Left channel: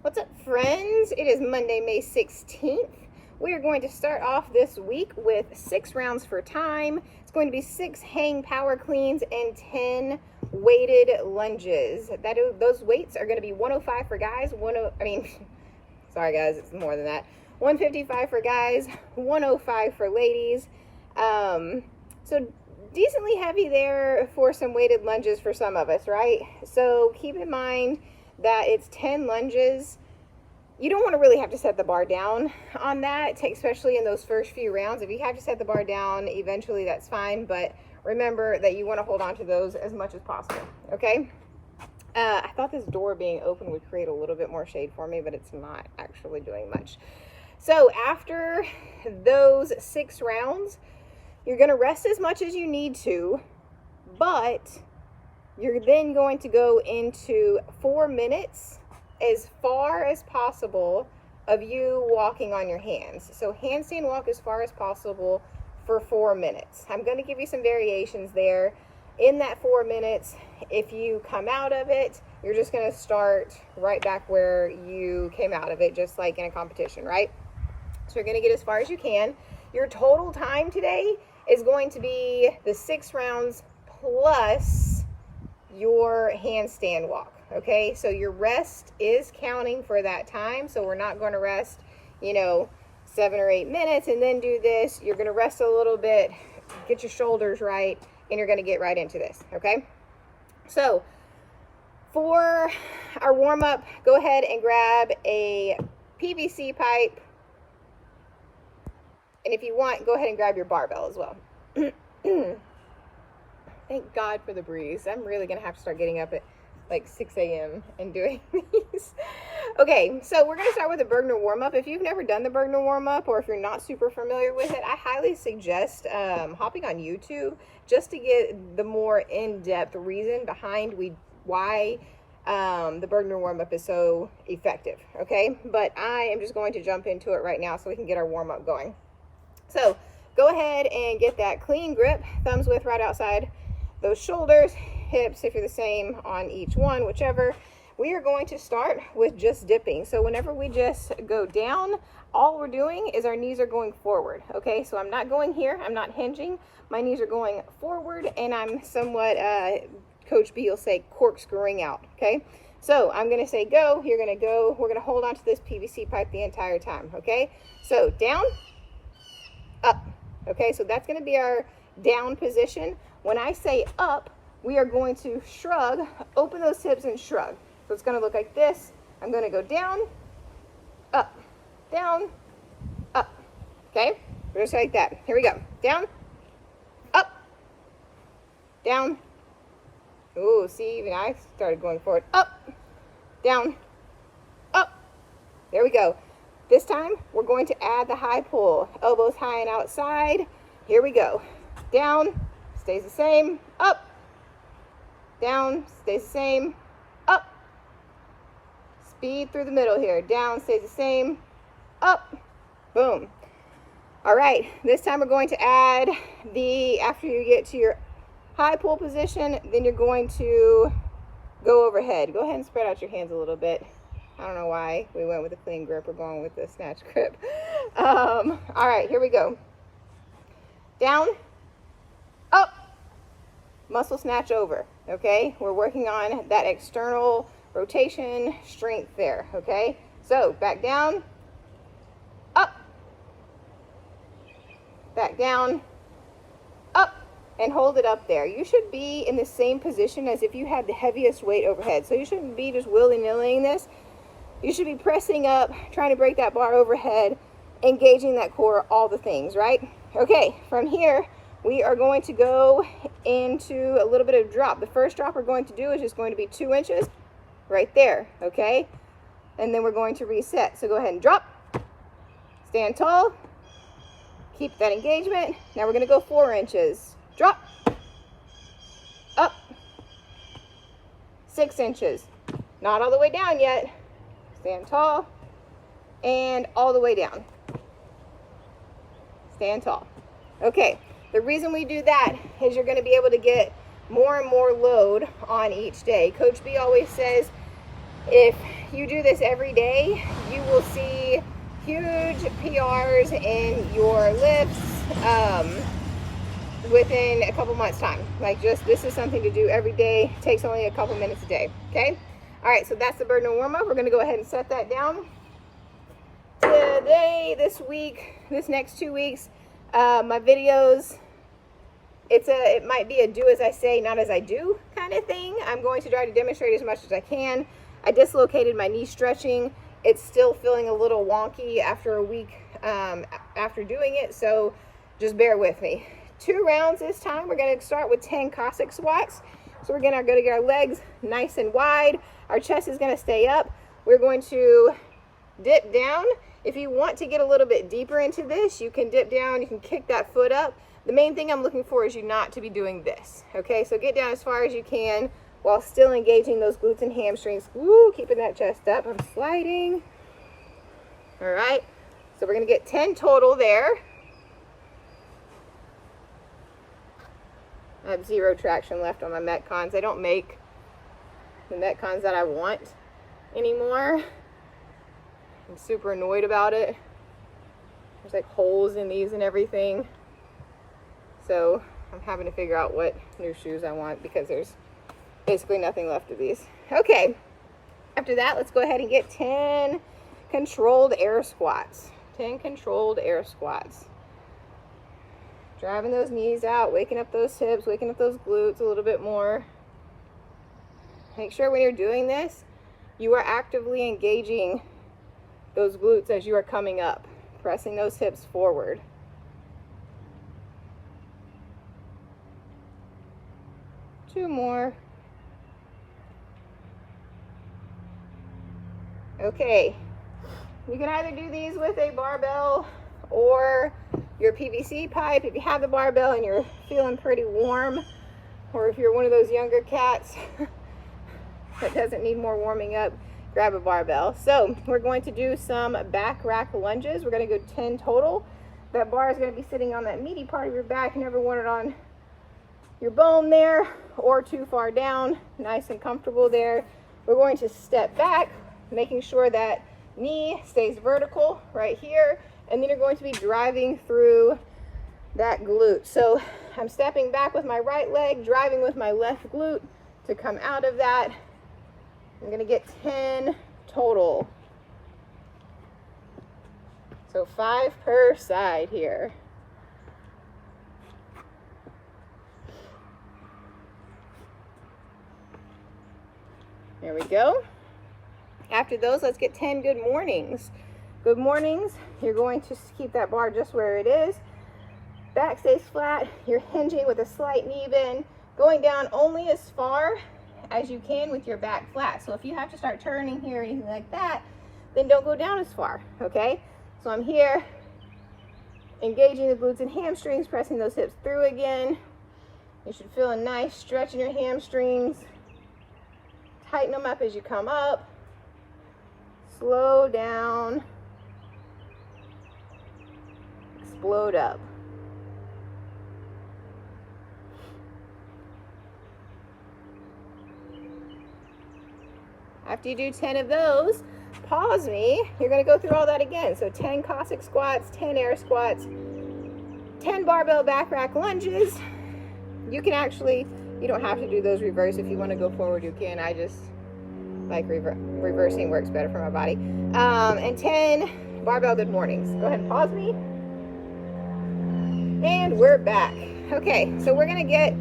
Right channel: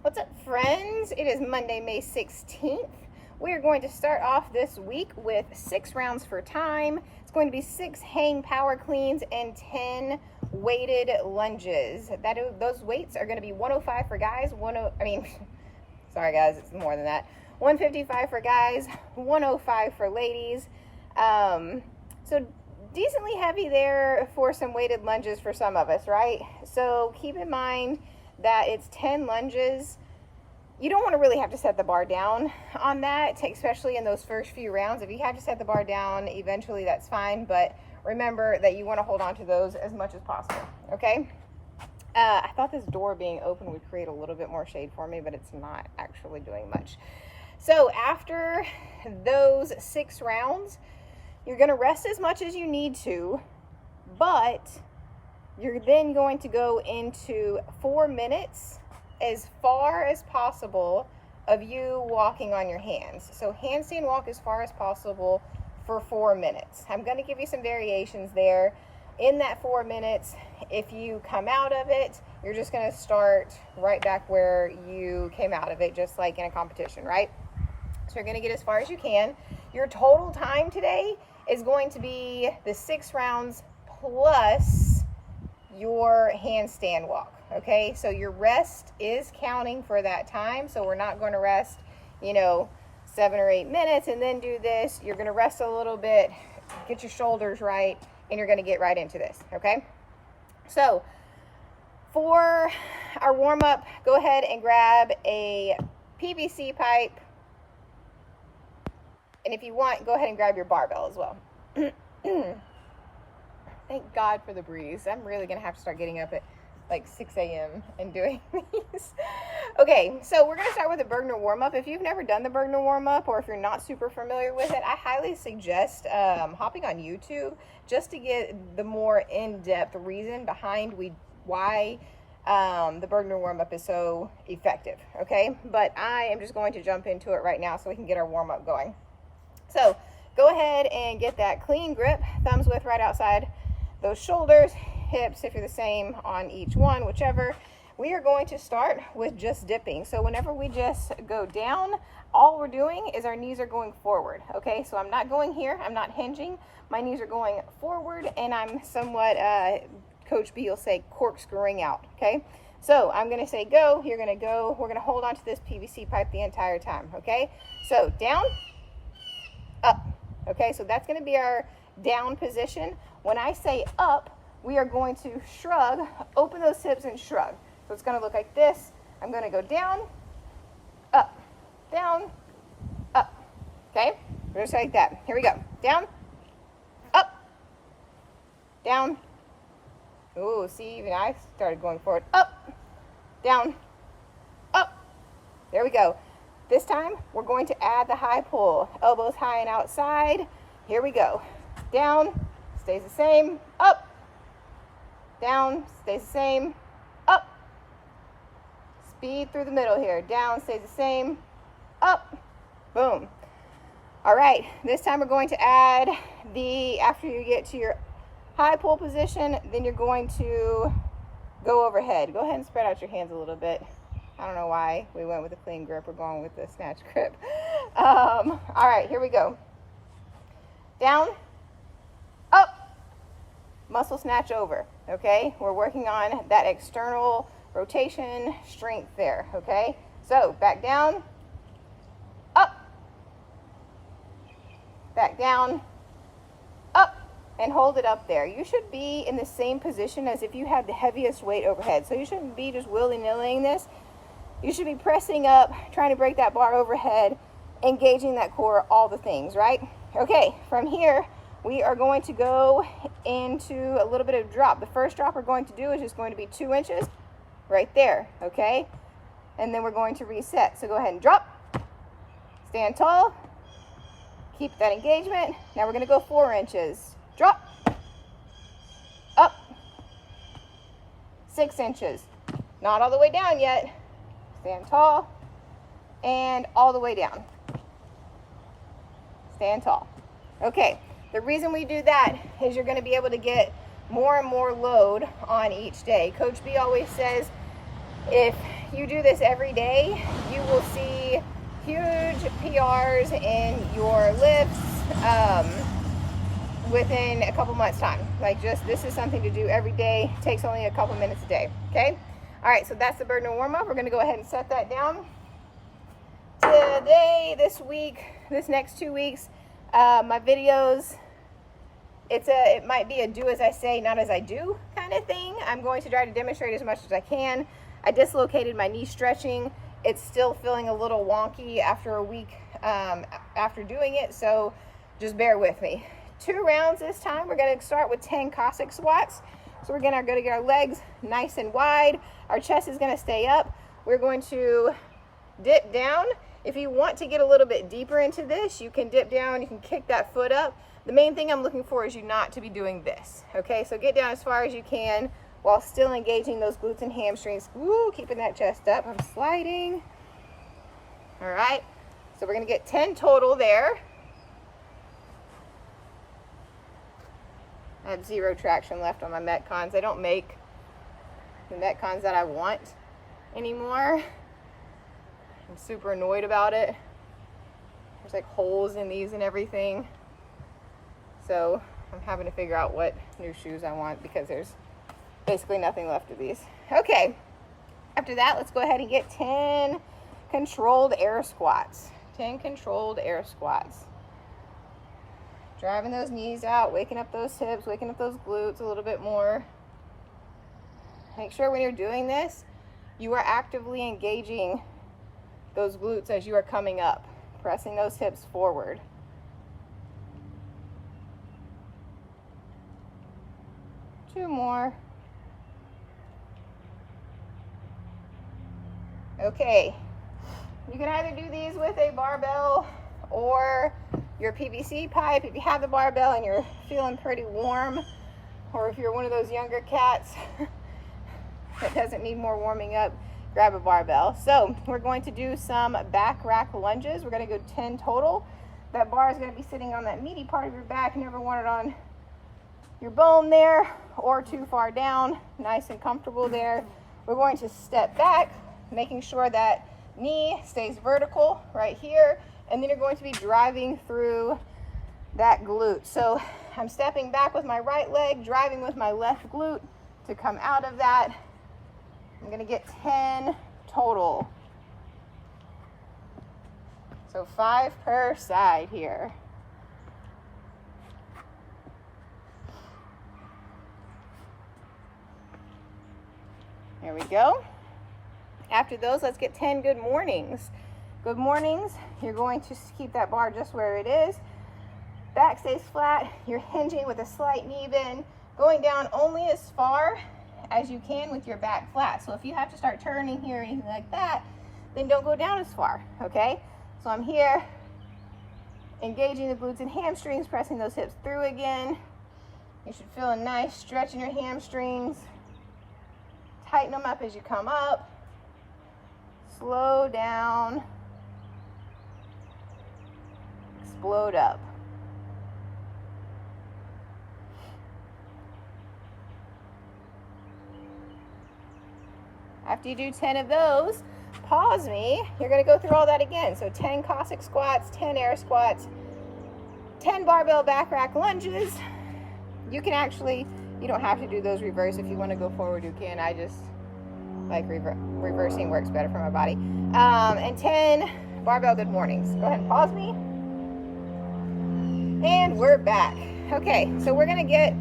What's up, friends? It is Monday, May 16th. We are going to start off this week with 6 rounds for time. It's going to be 6 hang power cleans and 10 weighted lunges. Those weights are going to be 105 for guys, sorry guys, it's more than that. 155 for guys, 105 for ladies. So decently heavy there for some weighted lunges for some of us, right? So keep in mind that it's 10 lunges. You don't want to really have to set the bar down on that, especially in those first few rounds. If you have to set the bar down eventually, that's fine, but remember that you want to hold on to those as much as possible, okay? I thought this door being open would create a little bit more shade for me, but it's not actually doing much. So after those 6 rounds, you're going to rest as much as you need to, but you're then going to go into 4 minutes as far as possible of you walking on your hands. So handstand walk as far as possible for 4 minutes. I'm going to give you some variations there. In that 4 minutes, if you come out of it, you're just going to start right back where you came out of it, just like in a competition, right? So you're going to get as far as you can. Your total time today is going to be the 6 rounds plus your handstand walk, okay? So your rest is counting for that time, so we're not going to rest, 7 or 8 minutes and then do this. You're going to rest a little bit, get your shoulders right, and you're going to get right into this, okay? So for our warm-up, go ahead and grab a PVC pipe, and if you want, go ahead and grab your barbell as well. Thank God for the breeze. I'm really going to have to start getting up at like 6 a.m. and doing these. Okay, so we're going to start with the Bergner warm-up. If you've never done the Bergner warm-up, or if you're not super familiar with it, I highly suggest hopping on YouTube just to get the more in-depth reason behind why the Bergner warm-up is so effective, okay? But I am just going to jump into it right now so we can get our warm-up going. So go ahead and get that clean grip, thumbs width right outside those shoulders, hips if you're the same on each one, whichever. We are going to start with just dipping. So whenever we just go down, all we're doing is our knees are going forward, okay? So I'm not going here, I'm not hinging. My knees are going forward, and I'm somewhat, Coach B will say, corkscrewing out, okay? So I'm gonna say go, you're gonna go, we're gonna hold on to this PVC pipe the entire time, okay? So down, up, okay? So that's gonna be our down position. When I say up, we are going to shrug, open those hips and shrug. So it's going to look like this. I'm going to go down, up, okay? Just like that. Here we go. Down, up, down. Ooh, see, even I started going forward. Up, down, up. There we go. This time, we're going to add the high pull. Elbows high and outside. Here we go. Down, stays the same, up, down, stays the same, up, speed through the middle here, down, stays the same, up, boom. All right, this time we're going to add after you get to your high pull position, then you're going to go overhead. Go ahead and spread out your hands a little bit. I don't know why we went with a clean grip. We're going with the snatch grip. All right, here we go. Down, up, muscle snatch over, okay? We're working on that external rotation strength there, okay? So back down, up, back down, up, and hold it up there. You should be in the same position as if you had the heaviest weight overhead. So you shouldn't be just willy-nillying this. You should be pressing up, trying to break that bar overhead, engaging that core, all the things, right? Okay, from here, we are going to go into a little bit of drop. The first drop we're going to do is just going to be 2 inches right there, okay? And then we're going to reset. So go ahead and drop, stand tall, keep that engagement. Now we're going to go 4 inches. Drop, up, 6 inches. Not all the way down yet. Stand tall, and all the way down. Stand tall. Okay. The reason we do that is you're going to be able to get more and more load on each day. Coach B always says if you do this every day, you will see huge PRs in your lifts within a couple months time. Like, just, this is something to do every day. It takes only a couple minutes a day, okay? All right, so that's the burden warm up. We're gonna go ahead and set that down. Today, this week, this next 2 weeks, my videos, it might be a do as I say, not as I do kind of thing. I'm going to try to demonstrate as much as I can. I dislocated my knee stretching. It's still feeling a little wonky after a week after doing it, so just bear with me. 2 rounds this time. We're going to start with 10 Cossack squats. So we're going to get our legs nice and wide. Our chest is going to stay up. We're going to dip down. If you want to get a little bit deeper into this, you can dip down, you can kick that foot up. The main thing I'm looking for is you not to be doing this, okay? So get down as far as you can while still engaging those glutes and hamstrings. Woo, keeping that chest up. I'm sliding. All right, so we're gonna get 10 total there. I have 0 traction left on my Metcons. I don't make the Metcons that I want anymore. I'm super annoyed about it. There's like holes in these and everything. So I'm having to figure out what new shoes I want because there's basically nothing left of these. Okay, after that, let's go ahead and get 10 controlled air squats. 10 controlled air squats. Driving those knees out, waking up those hips, waking up those glutes a little bit more. Make sure when you're doing this, you are actively engaging those glutes as you are coming up, pressing those hips forward. Two more. Okay, you can either do these with a barbell or your PVC pipe if you have the barbell and you're feeling pretty warm, or if you're one of those younger cats that doesn't need more warming up, grab a barbell. So we're going to do some back rack lunges. We're going to go 10 total. That bar is going to be sitting on that meaty part of your back. You never want it on your bone there or too far down. Nice and comfortable there. We're going to step back, making sure that knee stays vertical right here, and then you're going to be driving through that glute. So I'm stepping back with my right leg, driving with my left glute to come out of that. I'm gonna get 10 total. So 5 per side here. There we go. After those, let's get 10 good mornings. Good mornings, you're going to keep that bar just where it is. Back stays flat, you're hinging with a slight knee bend, going down only as far as you can with your back flat. So if you have to start turning here or anything like that, then don't go down as far, okay? So I'm here, engaging the glutes and hamstrings, pressing those hips through again. You should feel a nice stretch in your hamstrings. Tighten them up as you come up. Slow down. Explode up. After you do 10 of those, pause me. You're going to go through all that again. So 10 Cossack squats, 10 air squats, 10 barbell back rack lunges. You can actually, you don't have to do those reverse. If you want to go forward, you can. I just like reversing works better for my body. And 10 barbell good mornings. Go ahead and pause me. And we're back. Okay, so we're going to get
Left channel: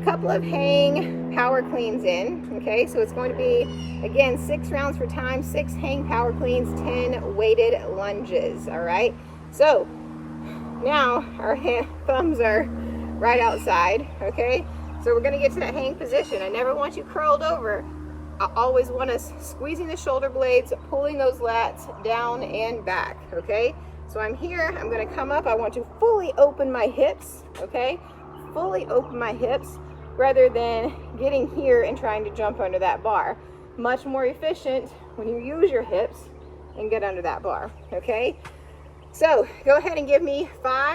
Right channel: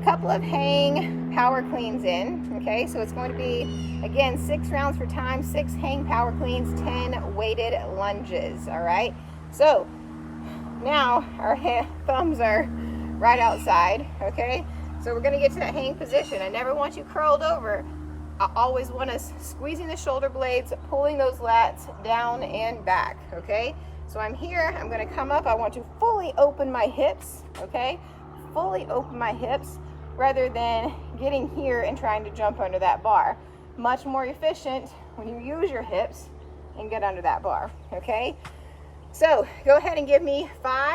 a couple of hang power cleans in. Okay, so it's going to be, again, 6 rounds for time, 6 hang power cleans, 10 weighted lunges. All right, so now our thumbs are right outside. Okay, so we're going to get to that hang position. I never want you curled over. I always want us squeezing the shoulder blades, pulling those lats down and back. Okay, so I'm here, I'm going to come up. I want to fully open my hips. Okay, fully open my hips rather than getting here and trying to jump under that bar. Much more efficient when you use your hips and get under that bar. Okay, so go ahead and give me 5